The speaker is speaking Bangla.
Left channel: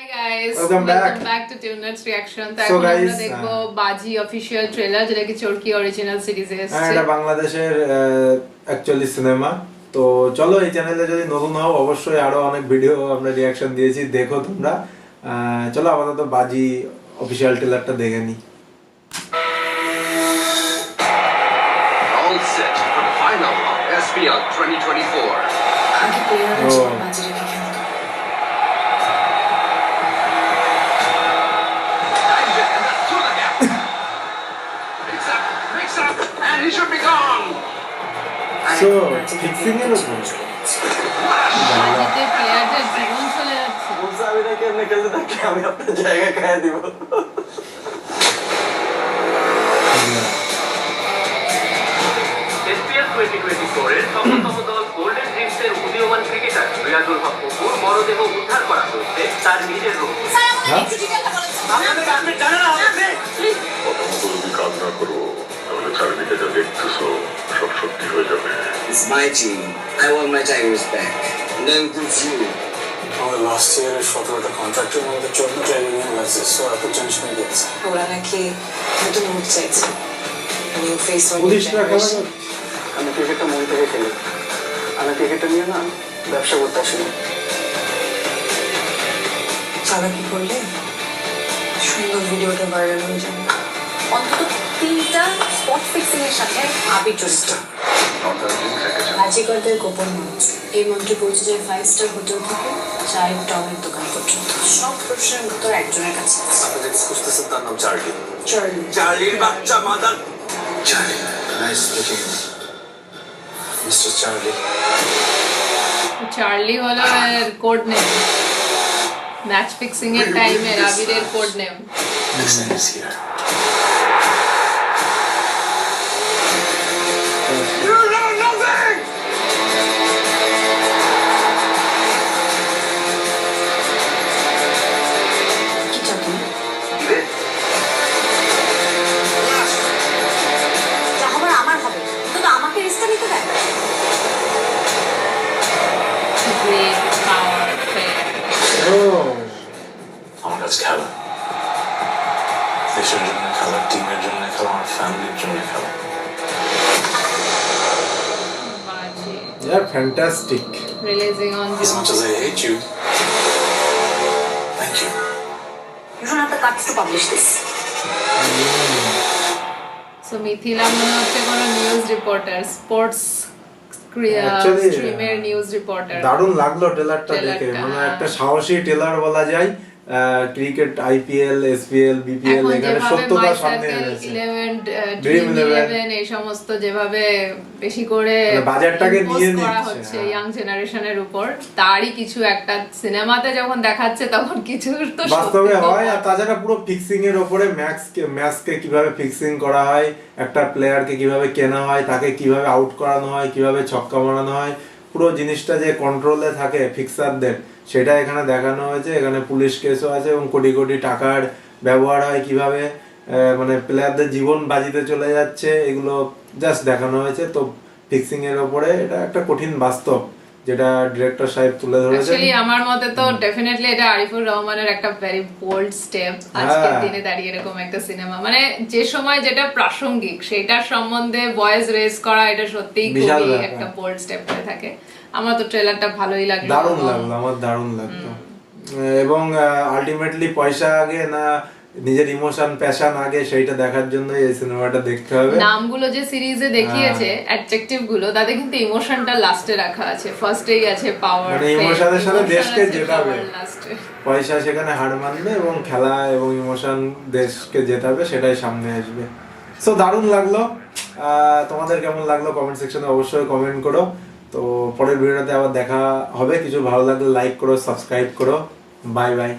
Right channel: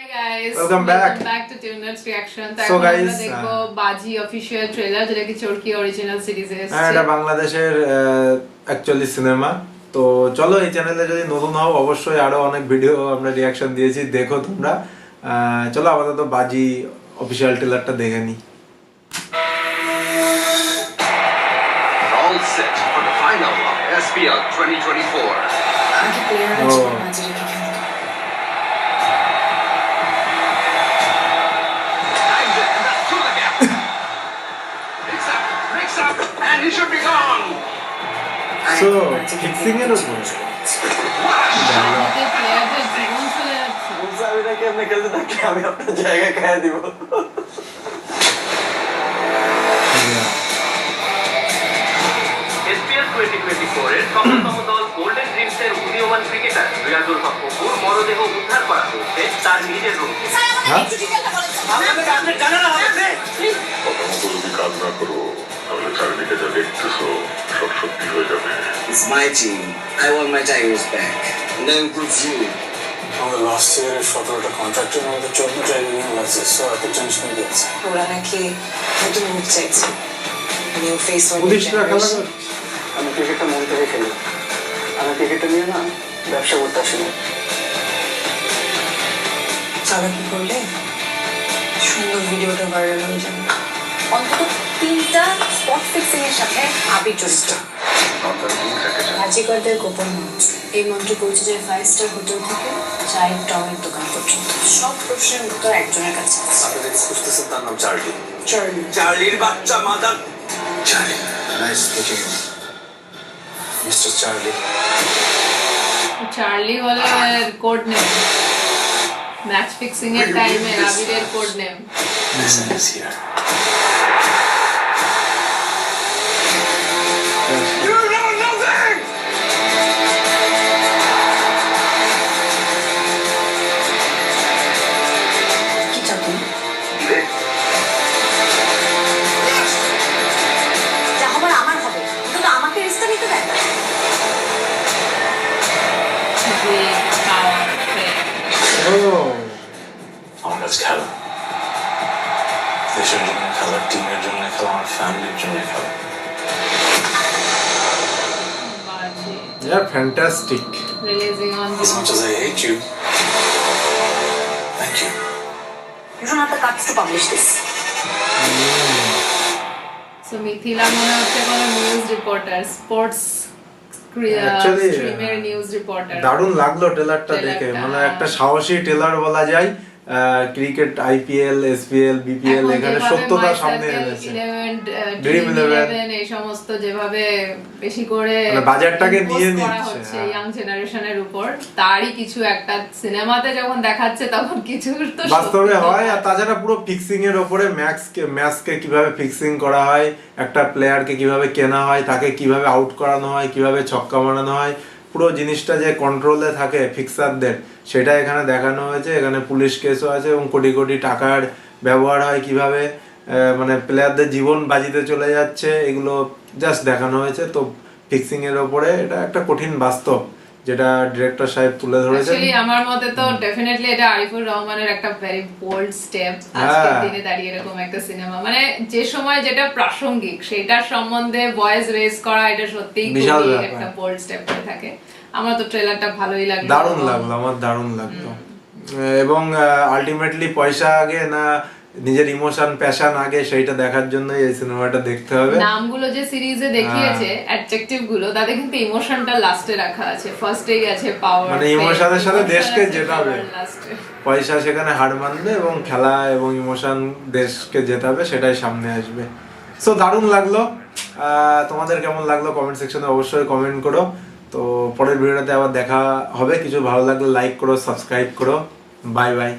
Hi guys, welcome back to Tuner's Reaction. So guys, আমরা দেখবো বাজি অফিশিয়াল ট্রেলার যেটা কি চরকি অরিজিনাল সিরিজে এসেছে। এটা বাংলাদেশের অ্যাকচুয়ালি সিনেমা। তো চলো এই চ্যানেলে যদি নতুন হও অবশ্যই আরো অনেক ভিডিও আমরা রিঅ্যাকশন দিয়েছি, দেখো তোমরা। চলো আপাতত বাজি অফিশিয়াল ট্রেলারটা দেখে নি। All set for the final of SPL 2024. আগে প্লেয়াররা জীবন বাজি রেখে খেলতো। Times it, and that's through the gap. Mix up, and he should be gone. So fixing এর উপর বাজিতে প্লেয়ারদের জীবন চলে যাচ্ছে। বলছে আমি নাকি আপনি খেলতে থাকি, আমি আপনার জায়গায় খাইয়ে দিব। SPL 2024 এর সফলতম দল গোল্ডেন ড্রিমসের উদীয়মান ক্রিকেটার রিয়াজুল হক অপুর মরদেহ উদ্ধার করা হয়েছে তার নিজের রুম থেকে। আপনি জানেন না প্রথমত যদি কাজ না করো তাহলে চারিদিকে যা দেখতেছো সব সত্যি হয়ে যাবে। It's my team. I want my Tigers back. No improves you. আমাদের লাস্ট ইয়ারের 17টা কন্ট্রাক্টের মধ্যে 14টা রিনিউ আছে, সো এত টেনশন দিয়েছে। ওরা নাকি নতুন মুখ চাইছে, নিউ ফেস পুলিশরা খেলা করছে। আমি ক্রিকেটটা মন থেকে খেলি, আমি ক্রিকেটটা নিয়ে না ব্যবসা করতে আসিনি। চালাকি করলে সুন্দর ভিডিওটা ভাইরাল হয়ে যাবে। অন্তত 3টা স্পট ফিক্সিং এর সাথে আবি জড়িত। বাজিকরদের গোপন মন্ত্র, এই মন্ত্রে পৌঁছে যায় 5 স্টার হোটেল থেকে চায়ের টমের দোকান পর্যন্ত। সব প্রশ্নের উত্তর একজনের কাছে আছে। আপনি যাকে খুঁজতেছেন তার নাম চার্লি। চার্লি। চার্লির বাচ্চা mother. Charlie, nice speaking mister Charlie. Charlie হলো এর কোড নেম, ম্যাচ ফিক্সিং এর টাইমে আবিরের code name. Listen is here. You know nothing! কি চাও তুমি? যা হবার আমার হবে, কিন্তু আমাকে রিস্কটা নিতে দেয়। Great power, ও আমার কাছে খেলা, দেশের জন্য খেলা, টিমের জন্য খেলা, আমার ফ্যামিলির জন্য খেলা। বাজি ya fantastic. Releasing on As much as I hate you, thank you. You don't have the guts to publish this. So Mithila মনে হচ্ছে কোনো নিউজ রিপোর্টার, স্পোর্টস Actually, স্ট্রিমের নিউজ রিপোর্টার। দারুণ লাগলো ট্রেলারটা দেখে, মানে একটা সাহসী ট্রেলার বলা যায়। ক্রিকেট, আইপিএল, এসপিএল, বিপিএল এখানে সত্যতা সামনে এনেছে। ড্রিম 11 এই সমস্ত যেভাবে বেশি করে বাজারটাকে নিয়ে করা নিচ্ছে হচ্ছে ইয়াং জেনারেশনের উপর, তারই কিছু একটা সিনেমাতে যখন দেখাচ্ছে তখন কিছু তো বাস্তবে হয়। আর তাছাড়া পুরো ফিক্সিং এর উপরে ম্যাচকে কিভাবে ফিক্সিং করা হয়, একটা প্লেয়ারকে কিভাবে কেনা হয়, তাকে কিভাবে আউট করানো হয়, কিভাবে ছক্কা মারানো হয়, পুরো জিনিসটা যে কন্ট্রোলে থাকে ফিক্সারদের, সেটা এখানে দেখানো হয়েছে। এখানে পুলিশ কেসও আছে এবং কোটি কোটি টাকার ব্যবহার হয় কিভাবে, মানে প্লেয়ারদের জীবন বাজিতে চলে যাচ্ছে, এগুলো জাস্ট দেখানো হয়েছে। তো ফিক্সিং এর উপরে এটা একটা কঠিন বাস্তব যেটা ডিরেক্টর সাহেব তুলে ধরেছেন। অ্যাকচুয়ালি আমার মতে তো ডেফিনেটলি এটা আরিফুর রহমানের একটা ভেরি বোল্ড স্টেপ। আজকের দিনে দাঁড়িয়ে এরকম একটা সিনেমা, মানে যে সময় যেটা প্রাসঙ্গিক সেটার সম্বন্ধে ভয়েস রেজ করা, এটা সত্যিই খুবই একটা বোল্ড স্টেপ হয়ে থাকে। আমার তো ট্রেলারটা ভালোই লাগলো, দারুণ লাগলো, আমার দারুণ লাগলো। এবং আলটিমেটলি পয়সা আগে না নিজের ইমোশন প্যাশন আগে, সেইটা দেখার জন্য এই সিনেমাটা দেখতে হবে। নামগুলো যে সিরিজে দেখিয়েছে অ্যাডজেক্টিভ গুলো, তাতে কিন্তু ইমোশনটা লাস্টে রাখা আছে, ফার্স্টেই আছে পাওয়ার, মানে ইমোশনের সাথে দেশকে জেতাবে, পয়সা সেখানে হার মানবে এবং খেলা এবং ইমোশন দেশকে জেতাবে, সেটাই সামনে আসবে। সো দারুণ লাগলো। তোমাদের কেমন লাগলো কমেন্ট সেকশনে অবশ্যই কমেন্ট করো। তো পরের ভিডিওতে আবার দেখা হবে। কিছু ভালো লাগলে লাইক করো, সাবস্ক্রাইব করো। Bye bye.